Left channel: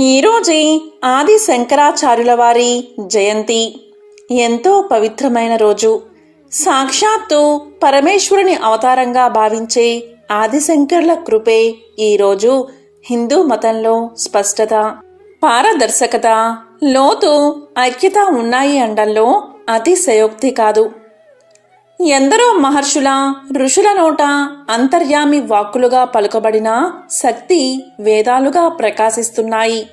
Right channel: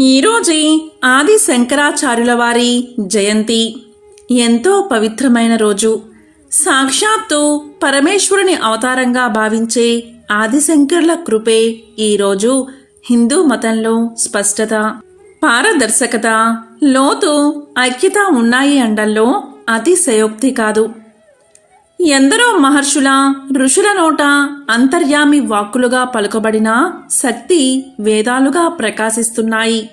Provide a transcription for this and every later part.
ఈరోజే ఆది శంకరాచార్యుల వారి జయంతి. ఎంతో పవిత్రమైన రోజు. సాక్షాత్తు పరమేశ్వరుని అవతారంగా భావించే ఆదిశంకర్ల కృపే ఈరోజు హిందూ మతంలో స్పష్టత పారదర్శకత లోతు ఐక్యత ఉన్నాయి అండల్లో అతిశయోక్తి కాదు. ఎందరో మహర్షుల ఋషుల నోట అంతర్యామి వాక్కులుగా పలుకబడిన శక్తి వేదాలుగా ప్రకాశిస్తున్నాయి.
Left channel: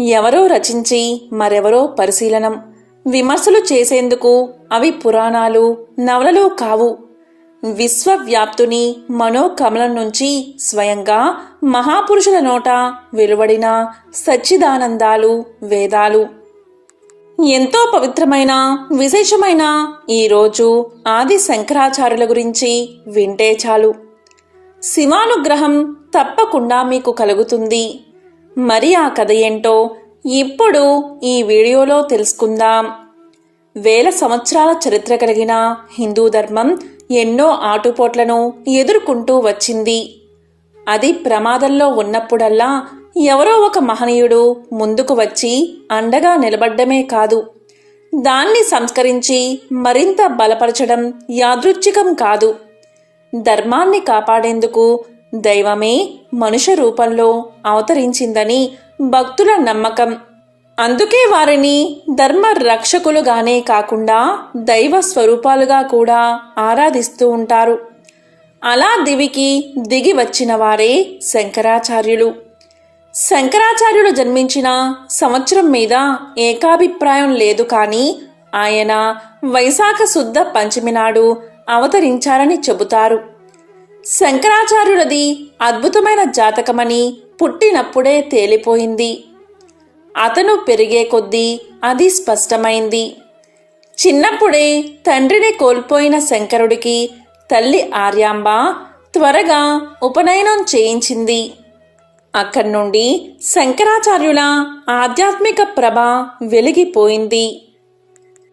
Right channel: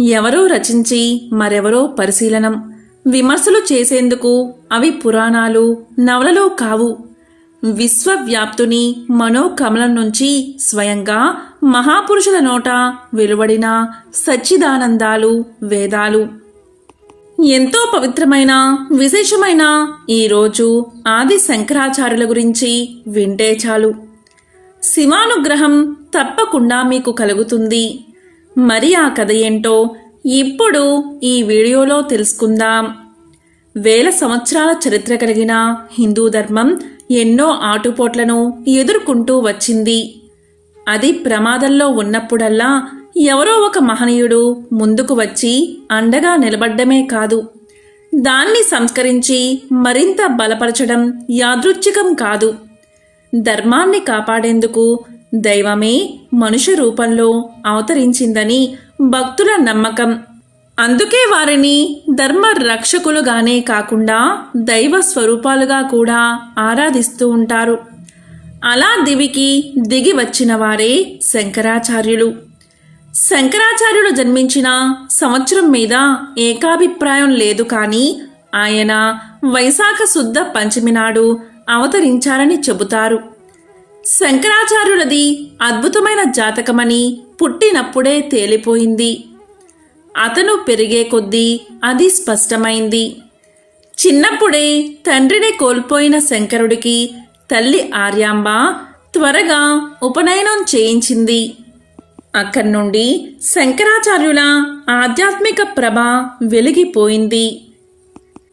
ఎవరో రచించి మరెవరో పరిశీలనం. విమర్శలు చేసేందుకు అవి పురాణాలు నవలలో కావు. విశ్వవ్యాప్తుని మనోకమలం నుంచి స్వయంగా మహాపురుషుల నోట వెలువడిన సచ్చిదానందాలు వేదాలు. ఎంతో పవిత్రమైన విశేషమైన ఈ రోజు ఆది శంకరాచార్యుల గురించి వింటే చాలు. శివానుగ్రహం తప్పకుండా మీకు కలుగుతుంది. మరి ఆ కథ ఏంటో ఇప్పుడు ఈ వీడియోలో తెలుసుకుందాం. వేల సంవత్సరాల చరిత్ర కలిగిన హిందూ ధర్మం ఎన్నో ఆటుపోట్లను ఎదుర్కొంటూ వచ్చింది. అది ప్రమాదంలో ఉన్నప్పుడల్లా ఎవరో ఒక మహనీయుడు ముందుకు వచ్చి అండగా నిలబడ్డమే కాదు. దాన్ని సంస్కరించి మరింత బలపరచడం యాదృచ్ఛికం కాదు. ధర్మాన్ని కాపాడేందుకు దైవమే మనుష్య రూపంలో అవతరించిందని భక్తుల నమ్మకం. అందుకే వారిని ధర్మ రక్షకులుగానే కాకుండా దైవ స్వరూపాలుగా కూడా ఆరాధిస్తూ ఉంటారు. అలా దివికి దిగి వచ్చిన వారే శంకరాచార్యులు. శంకరాచార్యుడు జన్మించిన సంవత్సరం మీద ఏకాభిప్రాయం లేదు కానీ ఆయన వైశాఖ శుద్ధ పంచమి నాడు అవతరించారని చెబుతారు. శంకరాచార్యులది అద్భుతమైన జాతకమని పుట్టినప్పుడే తేలిపోయింది. అతను పెరిగే కొద్దీ అది స్పష్టమైంది. చిన్నప్పుడే తండ్రిని కోల్పోయిన శంకరుడికి తల్లి ఆర్యాంబ త్వరగా ఉపనయనం చేయించింది. అక్కడి నుండి శంకరాచార్యుల ఆధ్యాత్మిక ప్రభ వెలిగిపోయింది.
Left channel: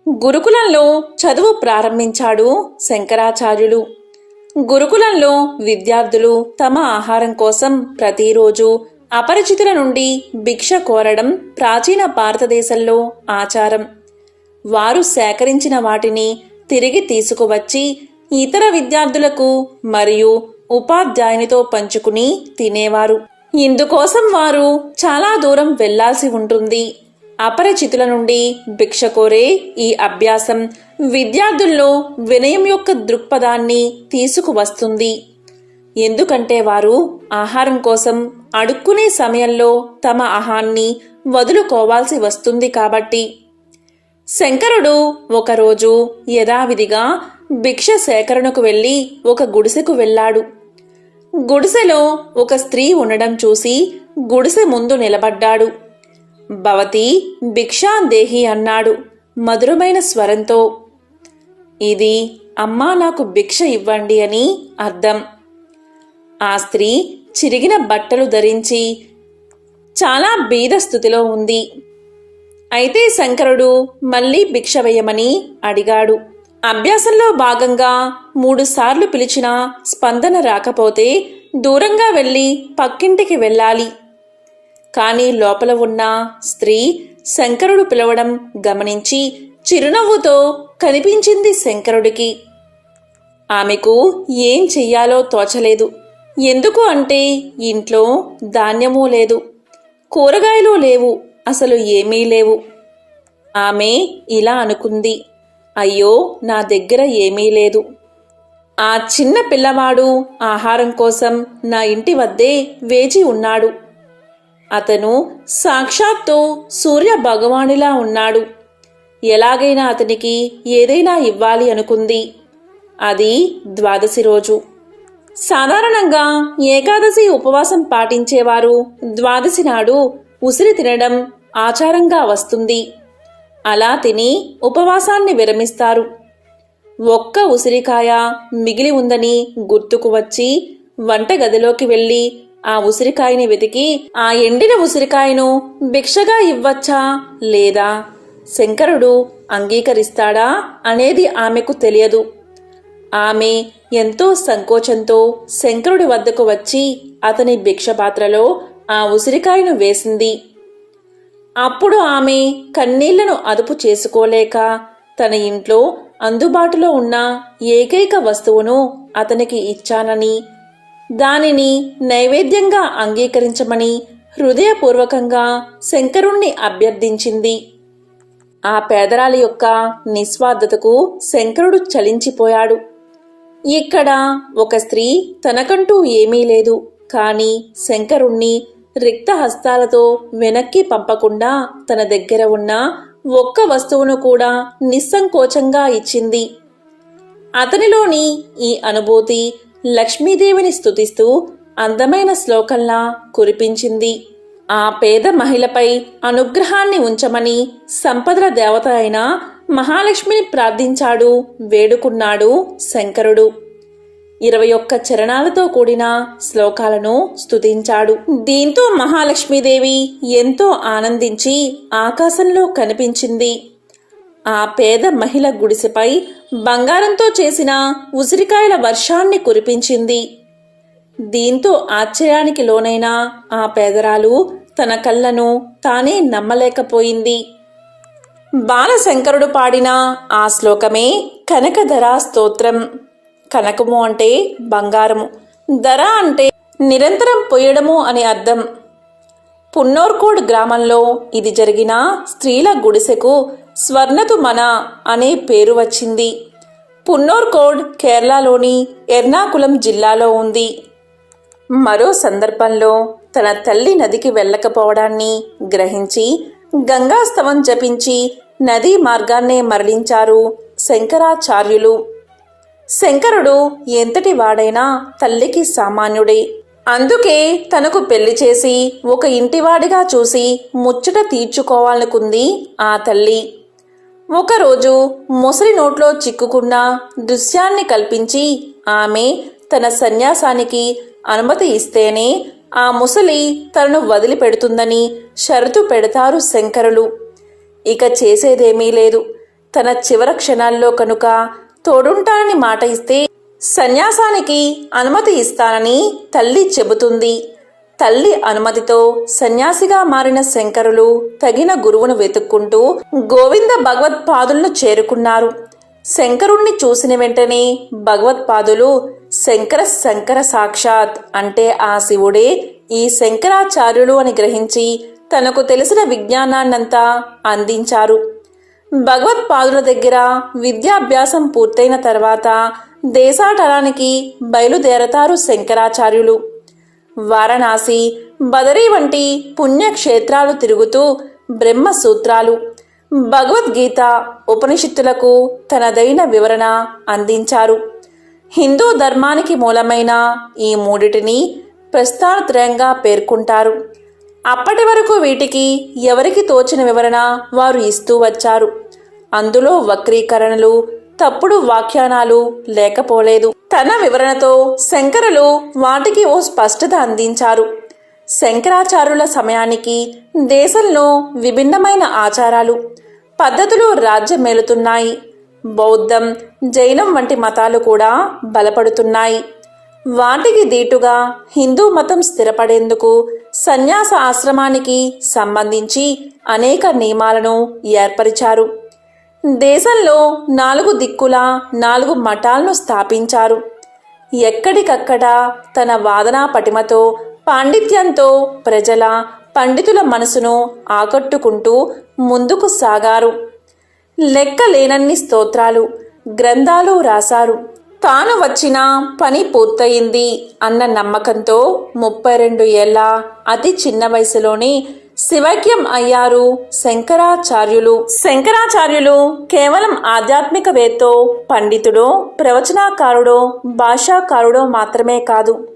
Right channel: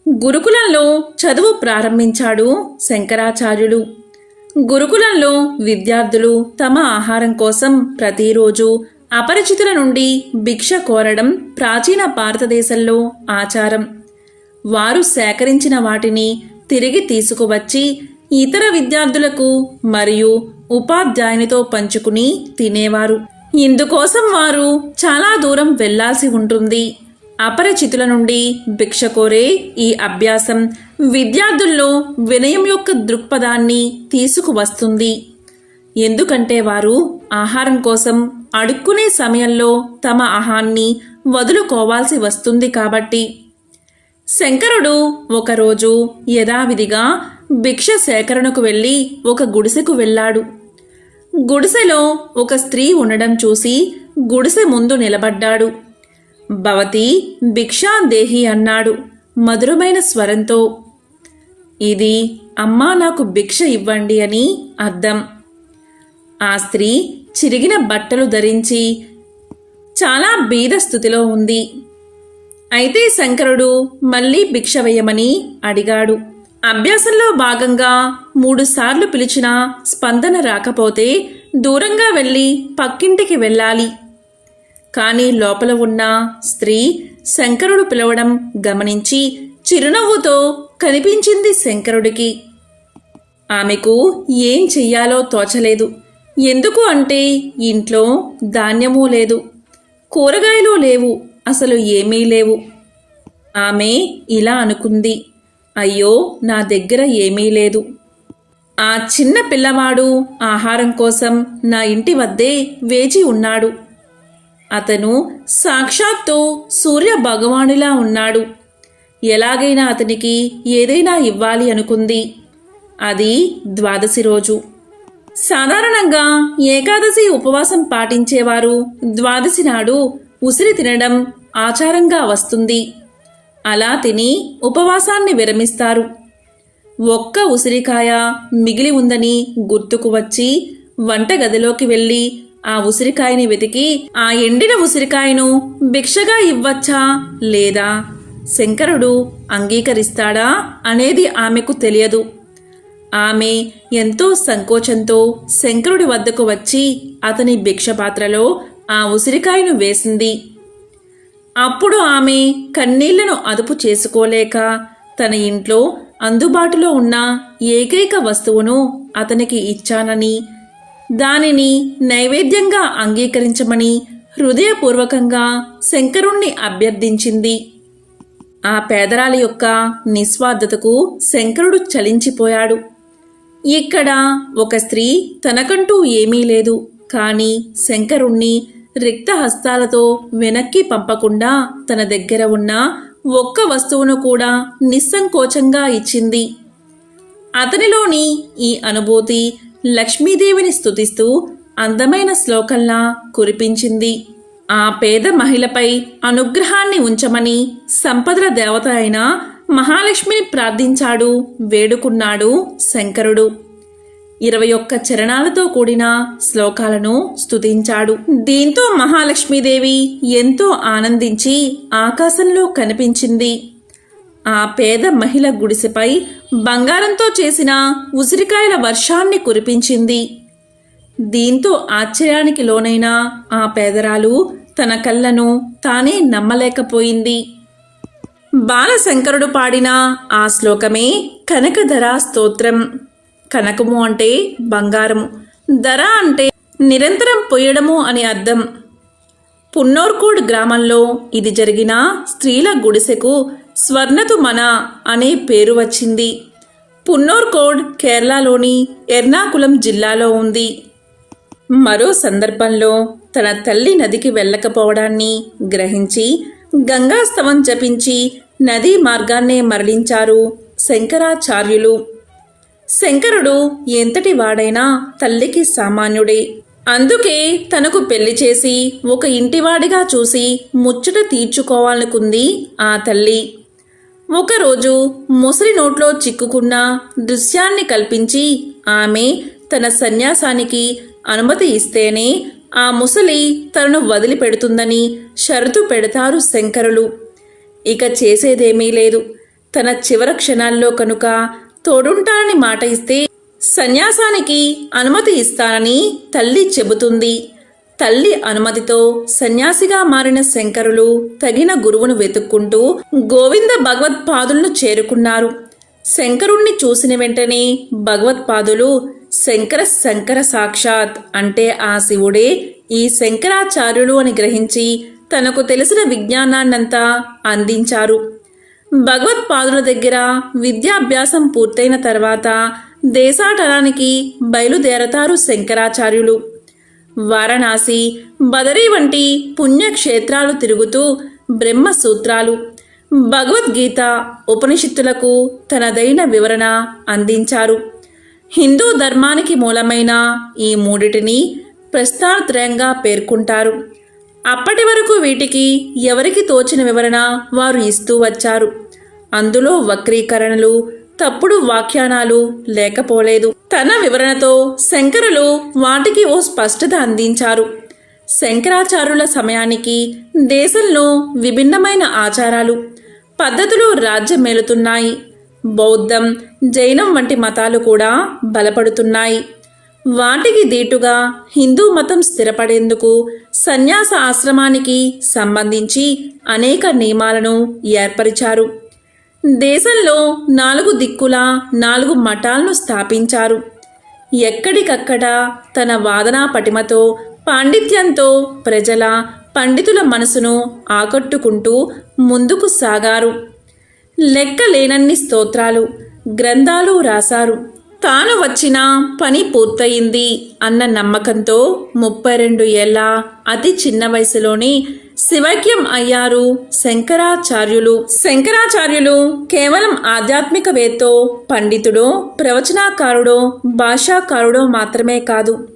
గురుకులంలో చదువు ప్రారంభించాడు శంకరాచార్యులు. గురుకులంలో విద్యార్థులు తమ ఆహారం కోసం ప్రతిరోజు అపరిచితుల నుండి భిక్ష కోరడం ప్రాచీన భారతదేశంలో ఆచారం. వారు సేకరించిన వాటిని తిరిగి తీసుకువచ్చి ఇతర విద్యార్థులకు మరియు ఉపాధ్యాయునితో పంచుకుని తినేవారు. ఇందుకోసం వారు చాలా దూరం వెళ్ళాల్సి ఉంటుంది. అపరిచితుల నుండి భిక్ష కోరే ఈ అభ్యాసం విద్యార్థుల్లో వినయం యొక్క దృక్పథాన్ని తీసుకువస్తుంది. ఎందుకంటే వారు ఆహారం కోసం అడుక్కునే సమయంలో తమ ఆహాన్ని వదులుకోవాల్సి వస్తుంది కాబట్టి. శంకరుడు ఒకరోజు యథావిధిగా భిక్ష సేకరణకు వెళ్ళి ఒక గుడిసెకు వెళ్ళాడు. గుడిసెలో ఒక స్త్రీ ఉండడం చూసి గుడిసె ముందు నిలబడ్డాడు. భవతి భిక్షాందేహి అన్నాడు మధురమైన స్వరంతో. ఇది అమ్మా నాకు భిక్ష ఇవ్వండి అని అర్థం. ఆ స్త్రీ చిరిగిన బట్టలు ధరించి చాలా బీద స్థితిలో ఉంది. అయితే శంకరుడు మళ్ళీ భిక్ష వేయమని అడిగాడు. అభ్యాసంలో భాగంగా మూడుసార్లు పిలిచినా స్పందన రాకపోతే దూరంగా వెళ్ళి పక్కింటికి వెళ్ళాలి. కానీ లోపల ఉన్న స్త్రీ శంకరుడు పిలవడం గమనించి చిరునవ్వుతో కనిపించింది శంకరుడికి. ఆమెకు ఏం చెయ్యాలో తోచలేదు. ఎందుకు అంటే ఇంట్లో ధాన్యమూ లేదు. కూరగాయలు లేవు. అసలు ఏమీ లేవు. ఆమె ఇలా అనుకుంది. అయ్యో నా దగ్గర ఏమీ లేదు. ఆ చిన్న పిల్లవాడు ఆహారం కోసం నా ఇంటి వద్దే వేచి ఉన్నాడు. అతను సాక్షాత్తు సూర్య భగవానులా ఉన్నాడు. ఎలాగైనా అతనికి ఏదైనా ఇవ్వాలి అనుకుంది. అది ద్వాదశి రోజు. సాధారణంగా ఏకాదశి ఉపవాసం పాటించేవారు ద్వాదశి నాడు ఉసిరి తినడం ఆచారంగా వస్తుంది. అలా తిని ఉపవాసాన్ని విరమిస్తారు. ఒక్క ఉసిరికాయ మిగిలి ఉందని గుర్తుకు వచ్చి వంటగదిలోకి వెళ్ళి ఆ ఉసిరికాయని వెతికి ఆ ఎండిన ఉసిరికాయను భిక్షగా ఇవ్వచ్చా? లేదా? శంకరుడు అంగీకరిస్తాడా? అనేది ఆమెకు తెలియదు. ఆమె ఎంతో సంకోచంతో శంకరుడి వద్దకు వచ్చి అతని భిక్ష పాత్రలో ఆ ఉసిరికాయను వేసింది. అప్పుడు ఆమె కన్నీళ్ళను అదుపు చేసుకోలేక తన ఇంట్లో అందుబాటులో ఉన్న ఏకైక వస్తువును అతనికి ఇచ్చానని దానిని నైవేద్యంగా అంగీకరించమని హృదయపూర్వకంగా శంకరుణ్ణి అభ్యర్థించింది. ఆ పేదరాలి యొక్క నిస్వార్థతకు శంకరుడు చలించిపోయాడు. ఇక్కడ ఒక స్త్రీ తనకంటూ ఏమీ లేదు కాని శంకరుణ్ణి రిక్త హస్తాలతో వెనక్కి పంపకుండా తన దగ్గర ఉన్న ఒక్క వస్తువును కూడా నిస్సంకోచంగా ఇచ్చింది. అతనిలోని ఈ అనుభూతి లక్ష్మీదేవిని స్తుతిస్తూ అందమైన శ్లోకంలా కురిపించింది. ఆ పేద మహిళపై అనుగ్రహాన్ని ఉంచమని సంపదల దేవత అయిన మహాలక్ష్మిని ప్రార్థించాడు వేడుకున్నాడు శంకరుడు. ఇరవై ఒక్క చరణాలతో కూడిన శ్లోకాలను స్తుతించాడు. దీంతో మహాలక్ష్మీదేవి ఎంతో ఆనందించి ఆకాశంలో కనిపించింది. ఆ పేద మహిళ గుడిసెపై బంగారంతో చేసిన ఉసిరికాయల వర్షాన్ని కురిపించింది. దీంతో ఆశ్చర్యానికి లోనైన ఆ పేదరాలు తన కళ్ళను తానే నమ్మలేకపోయింది. బాలశంకరుడు పాడిన ఆ శ్లోకమే కనకధరా స్తోత్రం. కనకము అంటే బంగారము. ధర అంటే నిరంతరం పొయ్యడము అని అర్థం. పున్నోర్కోడ్ గ్రామంలో ఇది జరిగిన స్త్రీల గుడిసెకు స్వర్ణతు మన అనే పేరు వచ్చింది. పున్నోర్కోడ్ కేరళలోని ఎర్నాకుళం జిల్లాలో ఉంది. మరో సందర్భంలో తన తల్లి నదికి వెళ్ళకపోవడాన్ని గ్రహించి గంగాస్తవం జపించి నదీ మార్గాన్నే మరలించారు శంకరాచార్యులు. శంకరుడు ఎంతటి వాడైనా తల్లికి సామాన్యుడే. అందుకే తనకు పెళ్ళి చేసి ఒక ఇంటివాడిగా చూసి ముచ్చట తీర్చుకోవాలనుకుంది ఆ తల్లి. ఒకరోజు ముసలి నోట్లో చిక్కుకున్న దృశ్యాన్ని కల్పించి ఆమె తన సన్యాసానికి అనుమతి ఇస్తేనే ఆ ముసలి తనను వదిలిపెడుతుందని షరతు పెడతారు శంకరులు. ఇక చేసేదేమీ లేదు. తన చివర క్షణాల్లో కనుక తోడుంటానని మాట ఇస్తే సన్యాసానికి అనుమతి ఇస్తానని తల్లి చెబుతుంది. తల్లి అనుమతితో సన్యాసిగా మారిన శంకరులు తగిన గురువును వెతుక్కుంటూ గోవింద భగవత్పాదులను చేరుకున్నారు. శంకరుణ్ణి చూసిన వెంటనే భగవత్పాదులు శంకర శంకర సాక్షాత్ అంటే ఆ శివుడే ఈ శంకరాచార్యులు అని గ్రహించి తనకు తెలిసిన విజ్ఞానాన్నంతా అందించారు. భగవత్పాదుల దగ్గర విద్యాభ్యాసం పూర్తయిన తర్వాత దేశాటనానికి బయలుదేరతారు శంకరాచార్యులు. వారణాసి బదరీ వంటి పుణ్యక్షేత్రాలు తిరుగుతూ బ్రహ్మసూత్రాలు భగవద్గీత ఉపనిషత్తులకు తనదైన వివరణ అందించారు. హిందూ ధర్మానికి మూలమైన ఈ మూడిటిని ప్రస్థానత్రయంగా పేర్కొంటారు. అప్పటి వరకు వీటికి ఎవరికి తోచిన వివరణ వారు ఇస్తూ వచ్చారు. అందులో వక్రీకరణలు తప్పుడు వ్యాఖ్యానాలు లేకపోలేదు. తన వివరణతో శంకరులు వాటికి ఓ స్పష్టత అందించారు. శంకరాచార్యుల సమయానికి దేశంలో విభిన్నమైన ఆచారాలు పద్ధతులు రాజ్యమేలుతున్నాయి బౌద్ధం జైనం వంటి మతాలు కూడా బలపడుతున్నాయి. వాటికి దీటుగా హిందూ మతం స్థిరపడేందుకు సన్యాస ఆశ్రమానికి సంబంధించి అనేక నియమాలను ఏర్పరిచారు. దేశంలో నాలుగు దిక్కుల నాలుగు మఠాలను స్థాపించారు. ఎక్కడికక్కడ తన వాదనా పటిమతో పాండిత్యంతో ప్రజల పండితుల మనసును ఆకట్టుకుంటూ ముందుకు సాగారు. లెక్కలేనన్ని స్తోత్రాలు గ్రంథాలు రాశారు. తాను వచ్చిన పని పూర్తయింది అన్న నమ్మకంతో ముప్పై రెండు ఏళ్ళ అతి చిన్న వయసులోనే శివైక్యం అయ్యారు శంకరాచార్యులు. శంకరాచార్యులు కేవలం ఆధ్యాత్మికవేత్తో పండితుడో ప్రవచనాకారుడో భాషాకారుడో మాత్రమే కాదు.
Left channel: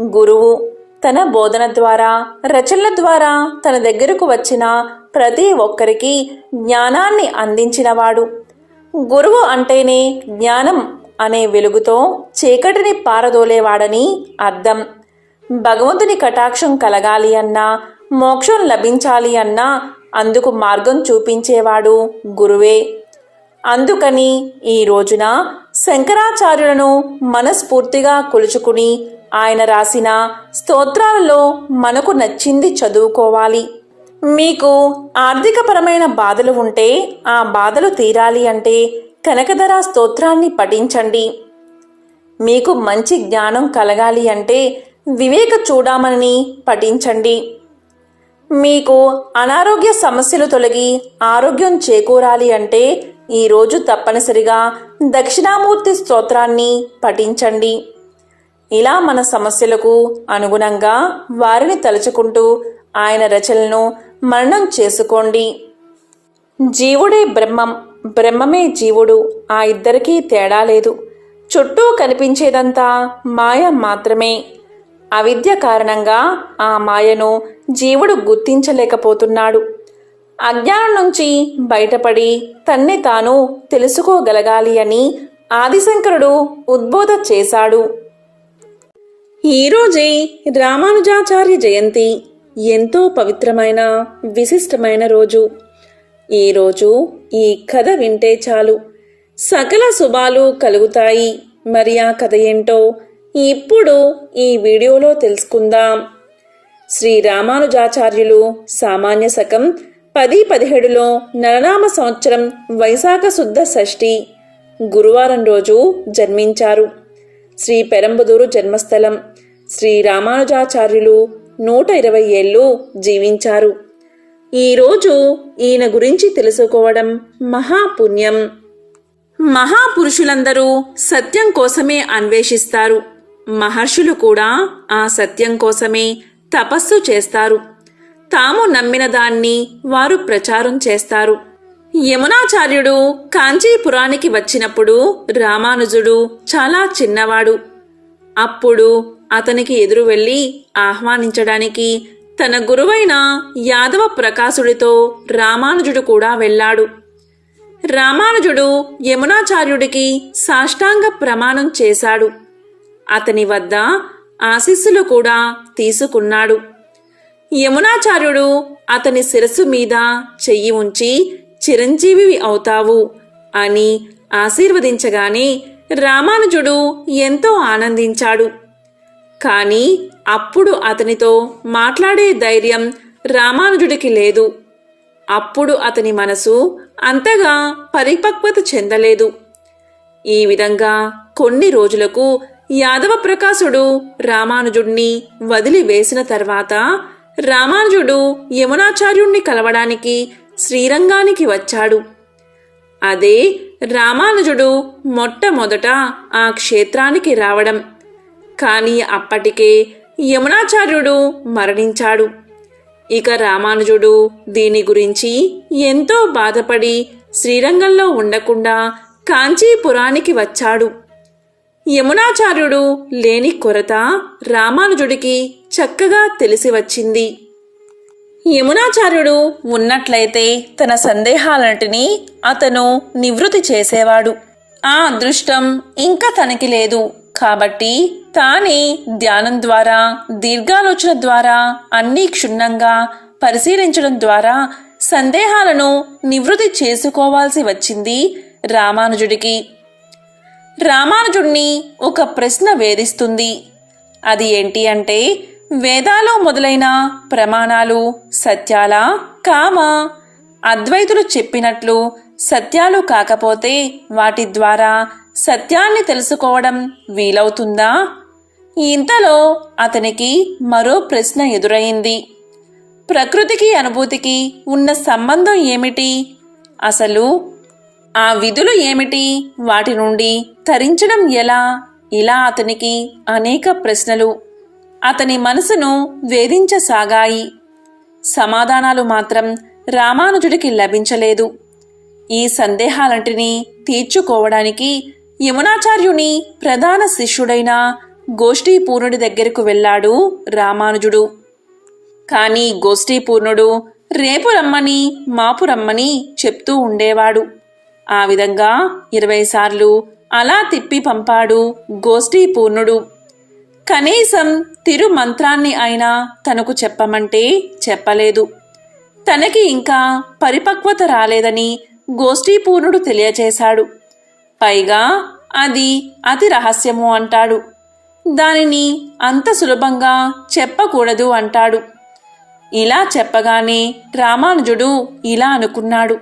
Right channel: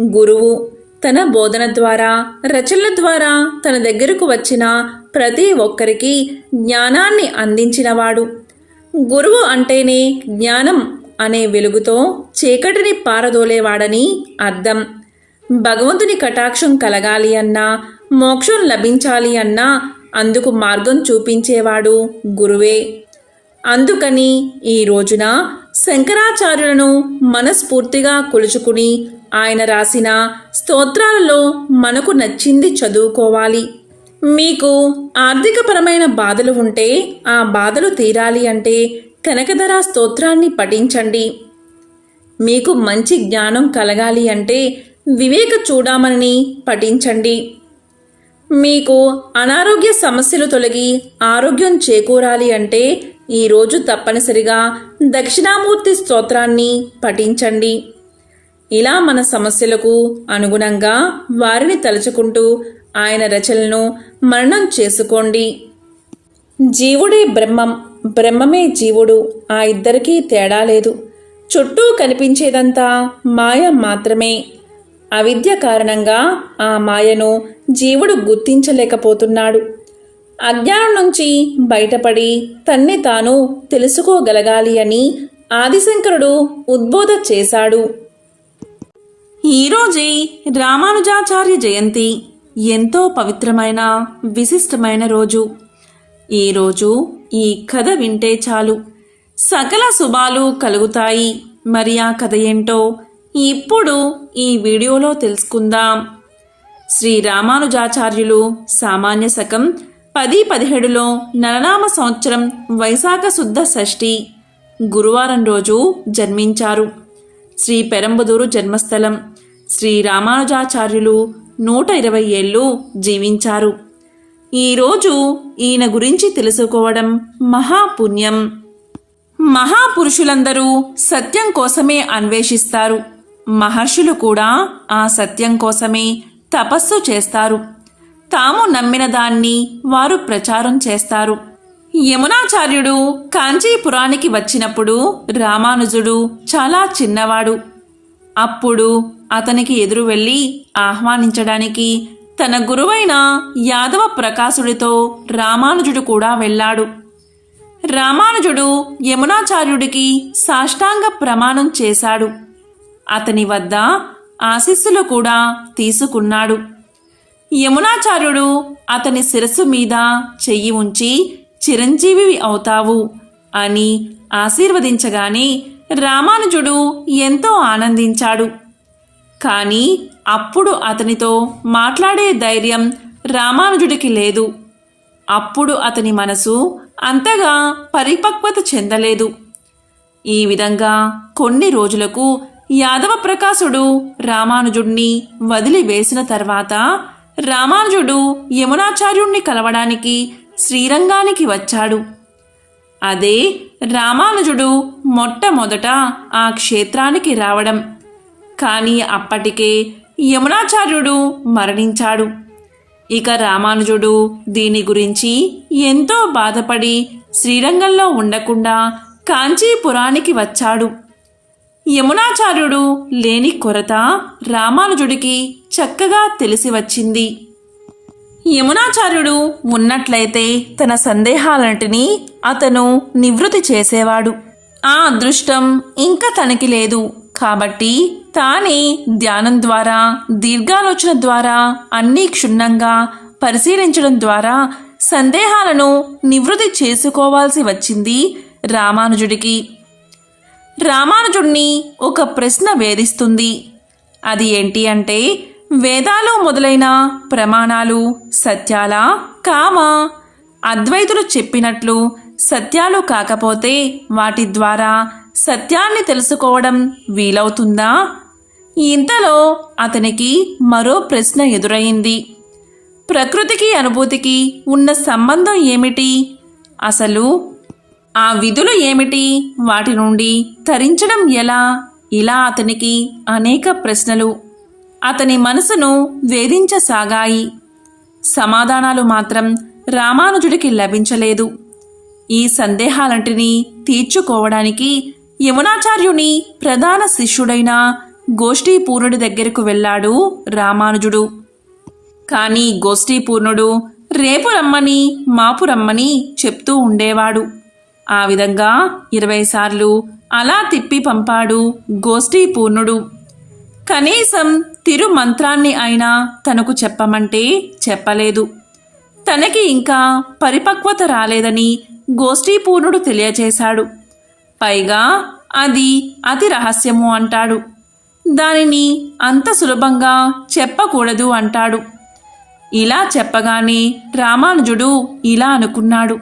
గురువు తన బోధన ద్వారా రచనల ద్వారా తన దగ్గరకు వచ్చిన ప్రతి ఒక్కరికి జ్ఞానాన్ని అందించినవాడు. గురువు అంటేనే జ్ఞానం అనే వెలుగుతో చీకటిని పారదోలేవాడని అర్థం. భగవంతుని కటాక్షం కలగాలి అన్నా మోక్షం లభించాలి అన్నా అందుకు మార్గం చూపించేవాడు గురువే. అందుకని ఈ రోజున శంకరాచార్యులను మనస్ఫూర్తిగా కొలుచుకుని ఆయన రాసిన స్తోత్రాలలో మనకు నచ్చింది చదువుకోవాలి. మీకు ఆర్థికపరమైన బాధలు ఉంటే ఆ బాధలు తీరాలి అంటే కనకధర స్తోత్రాన్ని పఠించండి. మీకు మంచి జ్ఞానం కలగాలి అంటే వివేక చూడమని పఠించండి. మీకు అనారోగ్య సమస్యలు తొలగి ఆరోగ్యం చేకూరాలి అంటే ఈరోజు తప్పనిసరిగా దక్షిణామూర్తి స్తోత్రాన్ని పఠించండి. ఇలా మన సమస్యలకు అనుగుణంగా వారిని తలుచుకుంటూ ఆయన రచనలను మరణం చేసుకోండి. జీవుడే బ్రహ్మం. బ్రహ్మమే జీవుడు ఆ ఇద్దరికీ తేడా లేదు. చుట్టూ కనిపించేదంతా మాయ మాత్రమే. అవిద్య కారణంగా ఆ మాయను జీవుడు గుర్తించలేకపోతున్నాడు. అజ్ఞానం నుంచి బయటపడి తన్ని తాను తెలుసుకోగలగాలి అని ఆదిశంకరుడు ఉద్బోధ చేశాడు. ఈరోజే రామానుజాచార్య జయంతి ఎంతో పవిత్రమైన విశిష్టమైన రోజు. ఈరోజు ఈ కథ వింటే చాలు. సకల శుభాలు కలుగుతాయి. మరి ఆ కథ ఏంటో ఇప్పుడు ఈ వీడియోలో తెలుసుకుందాం. శ్రీ రామానుజాచార్యులు సామాన్య శకం పది పదిహేడులో నరనామ సంవత్సరం వైశాఖ శుద్ధ షష్ఠి గురువారం రోజు జన్మించారు. శ్రీ పెరంబదూరు జన్మస్థలం శ్రీ రామానుజాచార్యులు నూట ఇరవై ఏళ్ళు జీవించారు. ఈరోజు ఈయన గురించి తెలుసుకోవడం మహాపుణ్యం. మహాపురుషులందరూ సత్యం కోసమే అన్వేషిస్తారు. మహర్షులు కూడా ఆ సత్యం కోసమే తపస్సు చేస్తారు. తాము నమ్మిన దాన్ని వారు ప్రచారం చేస్తారు. యమునాచార్యుడు కాంచీపురానికి వచ్చినప్పుడు రామానుజుడు చాలా చిన్నవాడు. అప్పుడు అతనికి ఎదురు వెళ్ళి ఆహ్వానించడానికి తన గురువైన యాదవ ప్రకాశుడితో రామానుజుడు కూడా వెళ్ళాడు. రామానుజుడు యమునాచార్యుడికి సాష్టాంగ ప్రమాణం చేశాడు. అతని వద్ద ఆశీస్సులు కూడా తీసుకున్నాడు. యమునాచార్యుడు అతని శిరస్సు మీద చెయ్యి ఉంచి చిరంజీవి అవుతావు అని ఆశీర్వదించగానే రామానుజుడు ఎంతో ఆనందించాడు. కానీ అప్పుడు అతనితో మాట్లాడే ధైర్యం రామానుజుడికి లేదు. అప్పుడు అతని మనసు అంతగా పరిపక్వత చెందలేదు. ఈ విధంగా కొన్ని రోజులకు యాదవ ప్రకాశుడు రామానుజుడిని వదిలివేసిన తర్వాత రామానుజుడు యమునాచార్యుణ్ణి కలవడానికి శ్రీరంగానికి వచ్చాడు. అదే రామానుజుడు మొట్టమొదట ఆ క్షేత్రానికి రావడం. కానీ అప్పటికే యమునాచార్యుడు మరణించాడు. ఇక రామానుజుడు దీని గురించి ఎంతో బాధపడి శ్రీరంగంలో ఉండకుండా కాంచీపురానికి వచ్చాడు. యమునాచార్యుడు లేని కొరత రామానుజుడికి చక్కగా తెలిసి వచ్చింది. యమునాచార్యుడు ఉన్నట్లయితే తన సందేహాలన్నిటినీ అతను నివృత్తి చేసేవాడు. ఆ అదృష్టం ఇంకా తనకి లేదు. కాబట్టి తానే ధ్యానం ద్వారా దీర్ఘాలోచన ద్వారా అన్నీ క్షుణ్ణంగా పరిశీలించడం ద్వారా సందేహాలను నివృత్తి చేసుకోవాల్సి వచ్చింది రామానుజుడికి. రామానుజుడిని ఒక ప్రశ్న వేధిస్తుంది. అది ఏంటి అంటే వేదాలు మొదలైన ప్రమాణాలు సత్యాల కామ అద్వైతులు చెప్పినట్లు సత్యాలు కాకపోతే వాటి ద్వారా సత్యాన్ని తెలుసుకోవడం వీలవుతుందా? ఇంతలో అతనికి మరో ప్రశ్న ఎదురైంది. ప్రకృతికి అనుభూతికి ఉన్న సంబంధం ఏమిటి? అసలు ఆ విధులు ఏమిటి? వాటి నుండి తరించడం ఎలా? ఇలా అతనికి అనేక ప్రశ్నలు. అతని మనసును వేధించసాగాయి. సమాధానాలు మాత్రం రామానుజుడికి లభించలేదు. ఈ సందేహాలంటిని తీర్చుకోవడానికి యమునాచార్యుని ప్రధాన శిష్యుడైన గోష్ఠీపూర్ణుడి దగ్గరకు వెళ్ళాడు రామానుజుడు. కానీ గోష్ఠీపూర్ణుడు రేపు రమ్మని మాపు రమ్మని చెప్తూ ఉండేవాడు. ఆ విధంగా ఇరవై సార్లు అలా తిప్పి పంపాడు గోష్ఠీపూర్ణుడు. కనీసం తిరు మంత్రాన్ని అయినా తనకు చెప్పమంటే చెప్పలేదు. తనకి ఇంకా పరిపక్వత రాలేదని గోష్ఠీపూర్ణుడు తెలియచేశాడు. పైగా అది అతి రహస్యము అంటాడు. దానిని అంత సులభంగా చెప్పకూడదు అంటాడు. ఇలా చెప్పగానే రామానుజుడు ఇలా అనుకున్నాడు.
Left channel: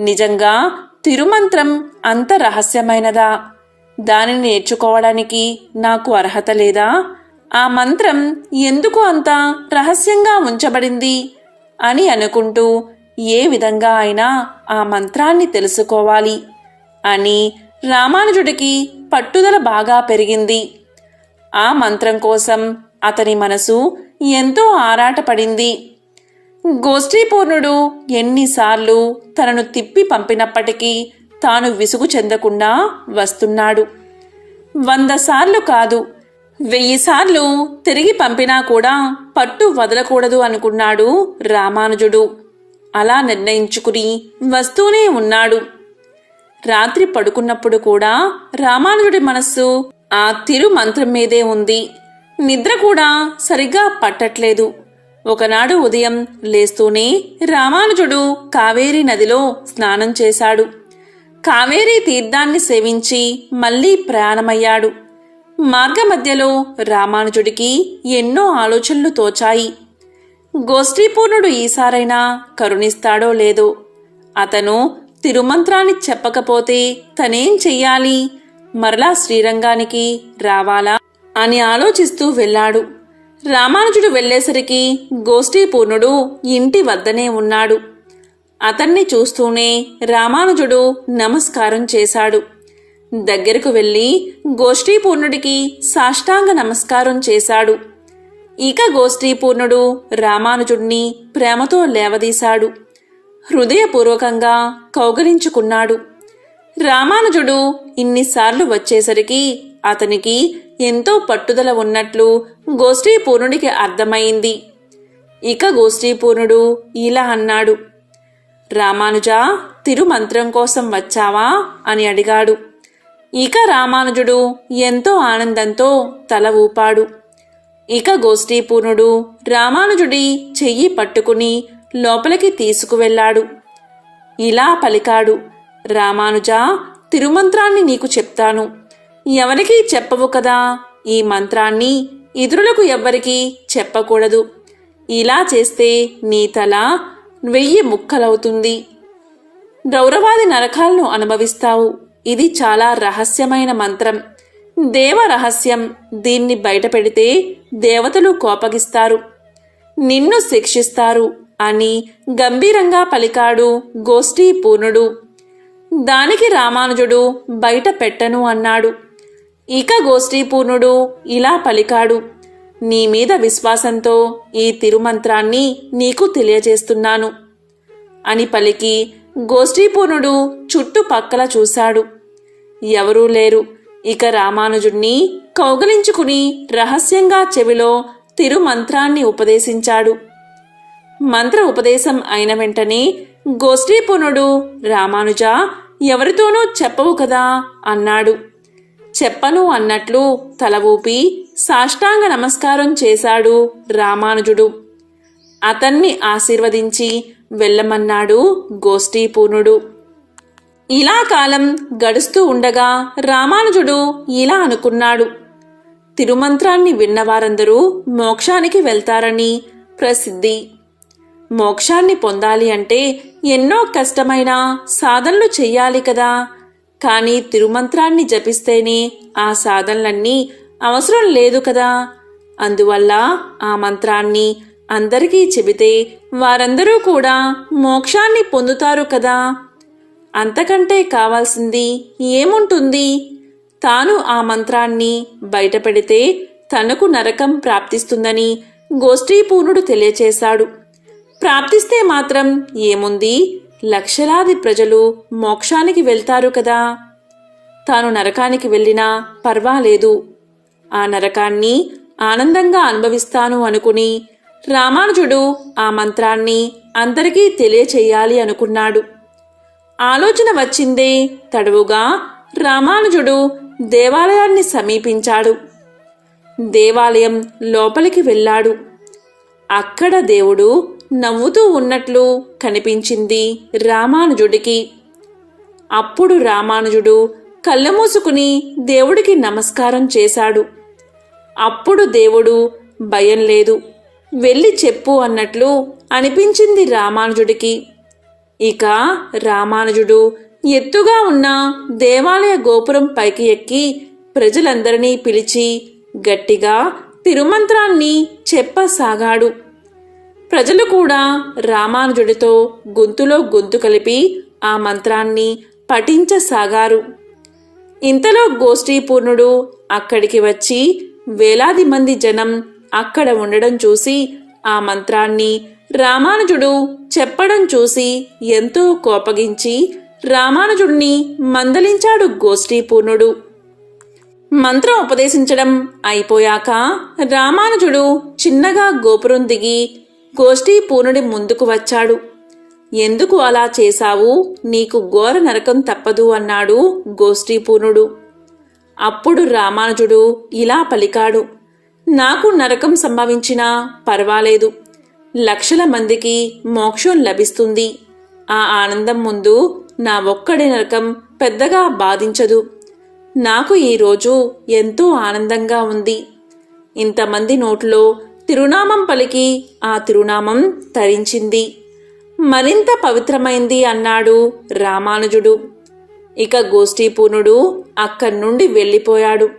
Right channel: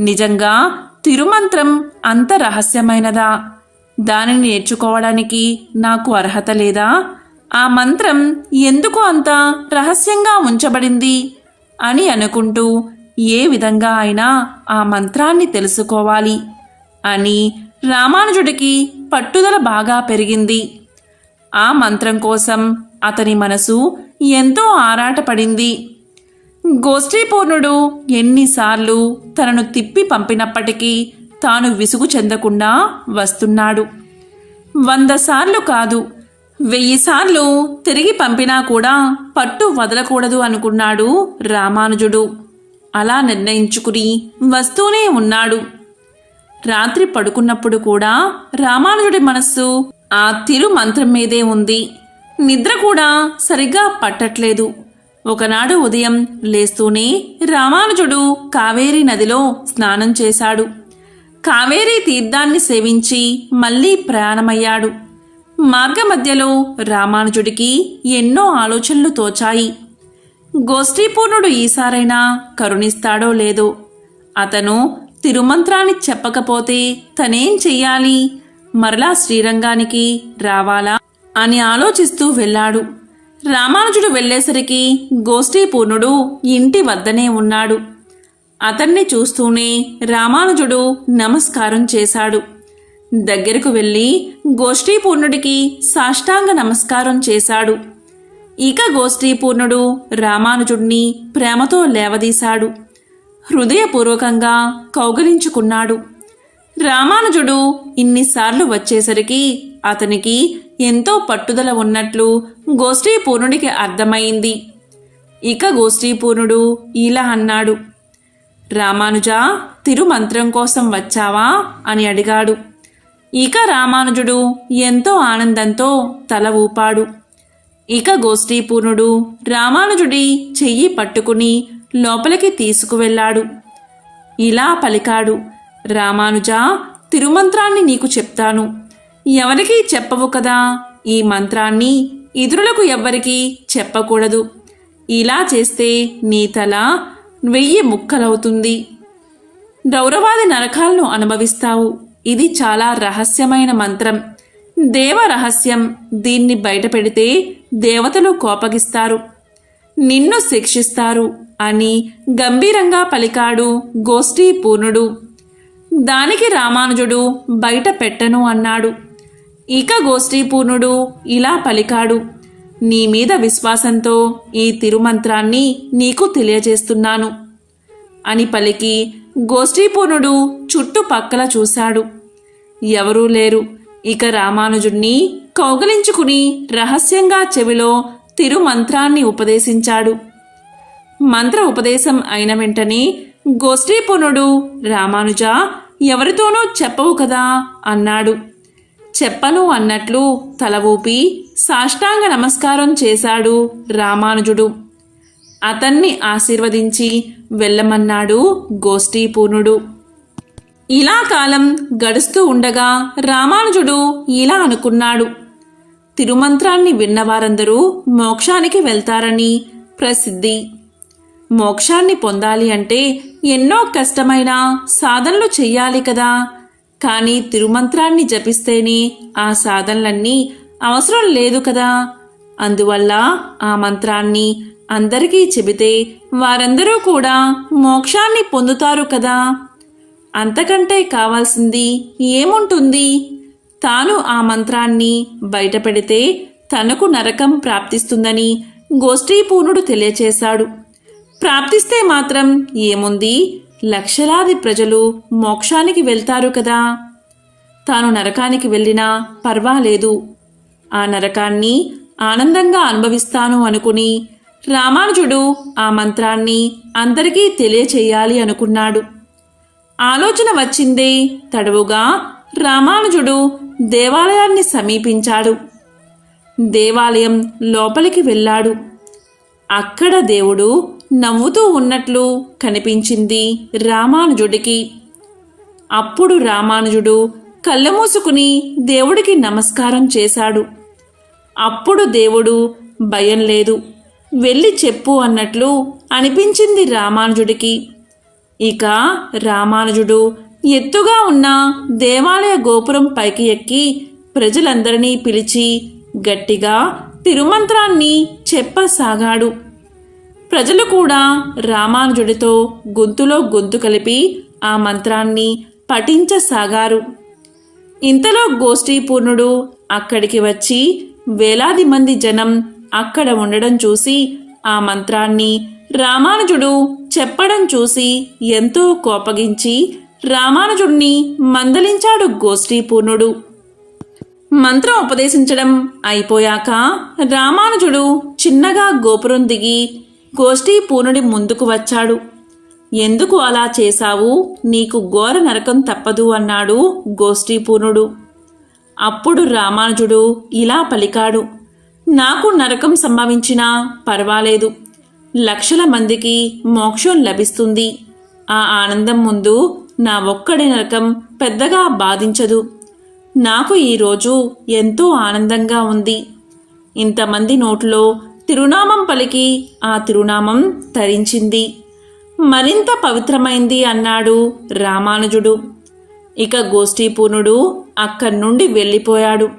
నిజంగా తిరుమంత్రం అంత రహస్యమైనదా? దానిని నేర్చుకోవడానికి నాకు అర్హత లేదా? ఆ మంత్రం ఎందుకు అంత రహస్యంగా ఉంచబడింది? అని అనుకుంటూ ఏ విధంగా అయినా ఆ మంత్రాన్ని తెలుసుకోవాలి అని రామానుజుడికి పట్టుదల బాగా పెరిగింది. ఆ మంత్రం కోసం అతని మనసు ఎంతో ఆరాటపడింది. గోష్ఠీపూర్ణుడు ఎన్నిసార్లు తనను తిప్పి పంపినప్పటికీ తాను విసుగు చెందకుండా వస్తున్నాడు. వంద సార్లు కాదు వెయ్యిసార్లు తిరిగి పంపినా కూడా పట్టు వదలకూడదు అనుకున్నాడు రామానుజుడు. అలా నిర్ణయించుకుని వస్తూనే ఉన్నాడు. రాత్రి పడుకున్నప్పుడు కూడా రామానుజుడి మనస్సు ఆ తిరు మంత్రం మీదే ఉంది. నిద్ర కూడా సరిగ్గా పట్టట్లేదు. ఒకనాడు ఉదయం లేస్తూనే రామానుజుడు కావేరీ నదిలో స్నానం చేశాడు. కావేరీ తీర్థాన్ని సేవించి మళ్ళీ ప్రయాణమయ్యాడు. మార్గమధ్యలో రామానుజుడికి ఎన్నో ఆలోచనలు తోచాయి. గోష్ఠీపూర్ణుడు ఈసారైనా కరుణిస్తాడో లేదో. అతను తిరుమంత్రాన్ని చెప్పకపోతే తనేం చెయ్యాలి? మరలా శ్రీరంగానికి రావాలా అని ఆలోచిస్తూ వెళ్ళాడు. రామానుజుడు వెళ్ళేసరికి గోష్ఠీపూర్ణుడు ఇంటి వద్దనే ఉన్నాడు. అతన్ని చూస్తూనే రామానుజుడు నమస్కారం చేశాడు. దగ్గరకు వెళ్ళి గోష్ఠీపూర్ణుడికి సాష్టాంగ నమస్కారం చేశాడు. ఇక గోష్ఠీపూర్ణుడు రామానుజుడిని ప్రేమతో లేవదీశాడు. హృదయపూర్వకంగా కౌగలించుకున్నాడు. రామానుజుడు ఇన్నిసార్లు వచ్చేసరికి అతనికి ఎంతో పట్టుదల ఉన్నట్లు గోష్ఠీపూర్ణుడికి అర్థమైంది. ఇక గోష్ఠీపూర్ణుడు ఇలా అన్నాడు. రామానుజా తిరుమంత్రం కోసం వచ్చావా? అని అడిగాడు. ఇక రామానుజుడు ఎంతో ఆనందంతో తల ఊపాడు. ఇక గోష్ఠీపూర్ణుడు రామానుజుడి చెయ్యి పట్టుకుని లోపలికి తీసుకువెళ్ళాడు. ఇలా పలికాడు. రామానుజా తిరుమంత్రాన్ని నీకు చెప్తాను. ఎవరికీ చెప్పవు కదా. ఈ మంత్రాన్ని ఇతరులకు ఎవ్వరికీ చెప్పకూడదు. ఇలా చేస్తే నీ తల వెయ్యి ముక్కలవుతుంది. గౌరవాది నరకాలను అనుభవిస్తావు. ఇది చాలా రహస్యమైన మంత్రం. దేవ రహస్యం దీన్ని బయటపెడితే దేవతలు కోపగిస్తారు. నిన్ను శిక్షిస్తారు అని గంభీరంగా పలికాడు గోష్ఠీ పూర్ణుడు దానికి రామానుజుడు బయట పెట్టను అన్నాడు. ఇక గోష్ఠీపూర్ణుడు ఇలా పలికాడు. నీ మీద విశ్వాసంతో ఈ తిరుమంత్రాన్ని నీకు తెలియజేస్తున్నాను అని పలికి గోష్ఠీపూర్ణుడు చుట్టుపక్కల చూశాడు. ఎవరూ లేరు. ఇక రామానుజుణ్ణి కౌగిలించుకుని రహస్యంగా చెవిలో తిరుమంత్రాన్ని ఉపదేశించాడు. మంత్ర ఉపదేశం అయిన వెంటనే గోష్ఠీపూర్ణుడు రామానుజ ఎవరితోనూ చెప్పవు కదా అన్నాడు. చెప్పను అన్నట్లు తల ఊపి సాష్టాంగ నమస్కారం చేశాడు రామానుజుడు. అతన్ని ఆశీర్వదించి వెళ్ళమన్నాడు గోష్ఠీపూర్ణుడు. ఇలా కాలం గడుస్తూ ఉండగా రామానుజుడు ఇలా అనుకున్నాడు. తిరుమంత్రాన్ని విన్నవారందరూ మోక్షానికి వెళ్తారని ప్రసిద్ధి. మోక్షాన్ని పొందాలి అంటే ఎన్నో కష్టమైన సాధనలు చెయ్యాలి కదా. కానీ తిరుమంత్రాన్ని జపిస్తేనే ఆ సాధనలన్నీ అవసరం లేదు కదా. అందువల్ల ఆ మంత్రాన్ని అందరికీ చెబితే వారందరూ కూడా మోక్షాన్ని పొందుతారు కదా. అంతకంటే కావాల్సింది ఏముంటుంది? తాను ఆ మంత్రాన్ని బయటపెడితే తనకు నరకం ప్రాప్తిస్తుందని గోష్ఠీపూర్ణుడు తెలియచేశాడు. ప్రాప్తిస్తే మాత్రం ఏముంది? లక్షలాది ప్రజలు మోక్షానికి వెళ్తారు కదా. తాను నరకానికి వెళ్ళినా పర్వాలేదు. ఆ నరకాన్ని ఆనందంగా అనుభవిస్తాను అనుకుని రామానుజుడు ఆ మంత్రాన్ని అందరికీ తెలియచేయాలి అనుకున్నాడు. ఆలోచన వచ్చిందే తడువుగా రామానుజుడు దేవాలయాన్ని సమీపించాడు. దేవాలయం లోపలికి వెళ్ళాడు. అక్కడ దేవుడు నవ్వుతూ ఉన్నట్లు కనిపించింది రామానుజుడికి. అప్పుడు రామానుజుడు కళ్ళు మూసుకుని దేవుడికి నమస్కారం చేశాడు. అప్పుడు దేవుడు భయం లేదు వెళ్ళి చెప్పు అన్నట్లు అనిపించింది రామానుజుడికి. ఇక రామానుజుడు ఎత్తుగా ఉన్న దేవాలయ గోపురం పైకి ఎక్కి ప్రజలందరినీ పిలిచి గట్టిగా తిరుమంత్రాన్ని చెప్పసాగాడు. ప్రజలు కూడా రామానుజుడితో గొంతులో గొంతు కలిపి ఆ మంత్రాన్ని పఠించసాగారు. ఇంతలో గోష్ఠీపూర్ణుడు అక్కడికి వచ్చి వేలాది మంది జనం అక్కడ ఉండడం చూసి ఆ మంత్రాన్ని రామానుజుడు చెప్పడం చూసి ఎంతో కోపగించి రామానుజుడిని మందలించాడు గోష్ఠీపూర్ణుడు. మంత్రం ఉపదేశించడం అయిపోయాక రామానుజుడు చిన్నగా గోపురం దిగి గోష్ఠీ ముందుకు వచ్చాడు. ఎందుకు అలా చేశావు? నీకు ఘోర నరకం తప్పదు అన్నాడు గోష్ఠీ అప్పుడు రామానుజుడు ఇలా పలికాడు. నాకు నరకం సంభవించినా పర్వాలేదు. లక్షల మందికి మోక్షం లభిస్తుంది. ఆ ఆనందం ముందు నా ఒక్కడి నరకం పెద్దగా బాధించదు. నాకు ఈరోజు ఎంతో ఆనందంగా ఉంది. ఇంతమంది నోట్లో తిరునామ పలికి ఆ తిరునామం తరించింది. మరింత పవిత్రమైంది అన్నాడు రామానుజుడు. ఇక గోష్ఠీపూర్ణుడు అక్కడి నుండి వెళ్ళిపోయాడు.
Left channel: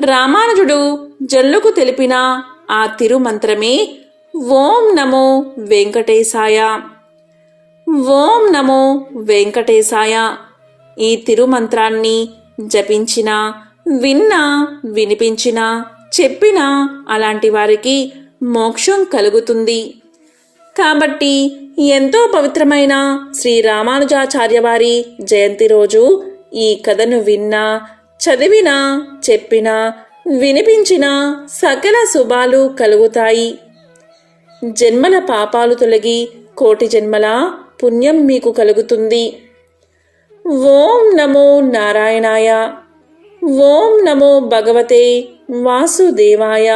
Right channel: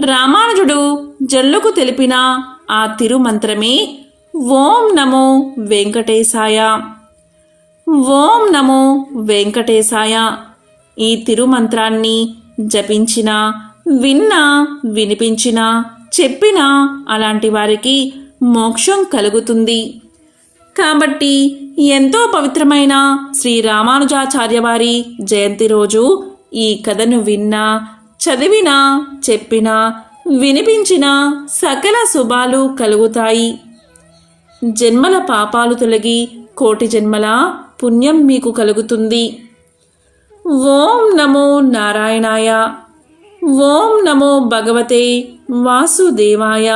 రామానుజుడు జల్లుకు తెలిపిన ఆ తిరుమంత్రమే ఓం నమో వెంకటేశాయ. ఓం నమో వెంకటేశాయ. ఈ తిరుమంత్రాన్ని జపించినా విన్నా వినిపించినా చెప్పినా అలాంటి వారికి మోక్షం కలుగుతుంది. కాబట్టి ఎంతో పవిత్రమైన శ్రీ రామానుజాచార్య వారి జయంతి రోజు ఈ కథను విన్నా చదివినా చెప్పినా వినిపించినా సకల శుభాలు కలుగుతాయి. జన్మల పాపాలు తొలగి కోటి జన్మల పుణ్యం మీకు కలుగుతుంది. ఓం నమో నారాయణాయ. ఓం నమో భగవతే వాసుదేవాయ.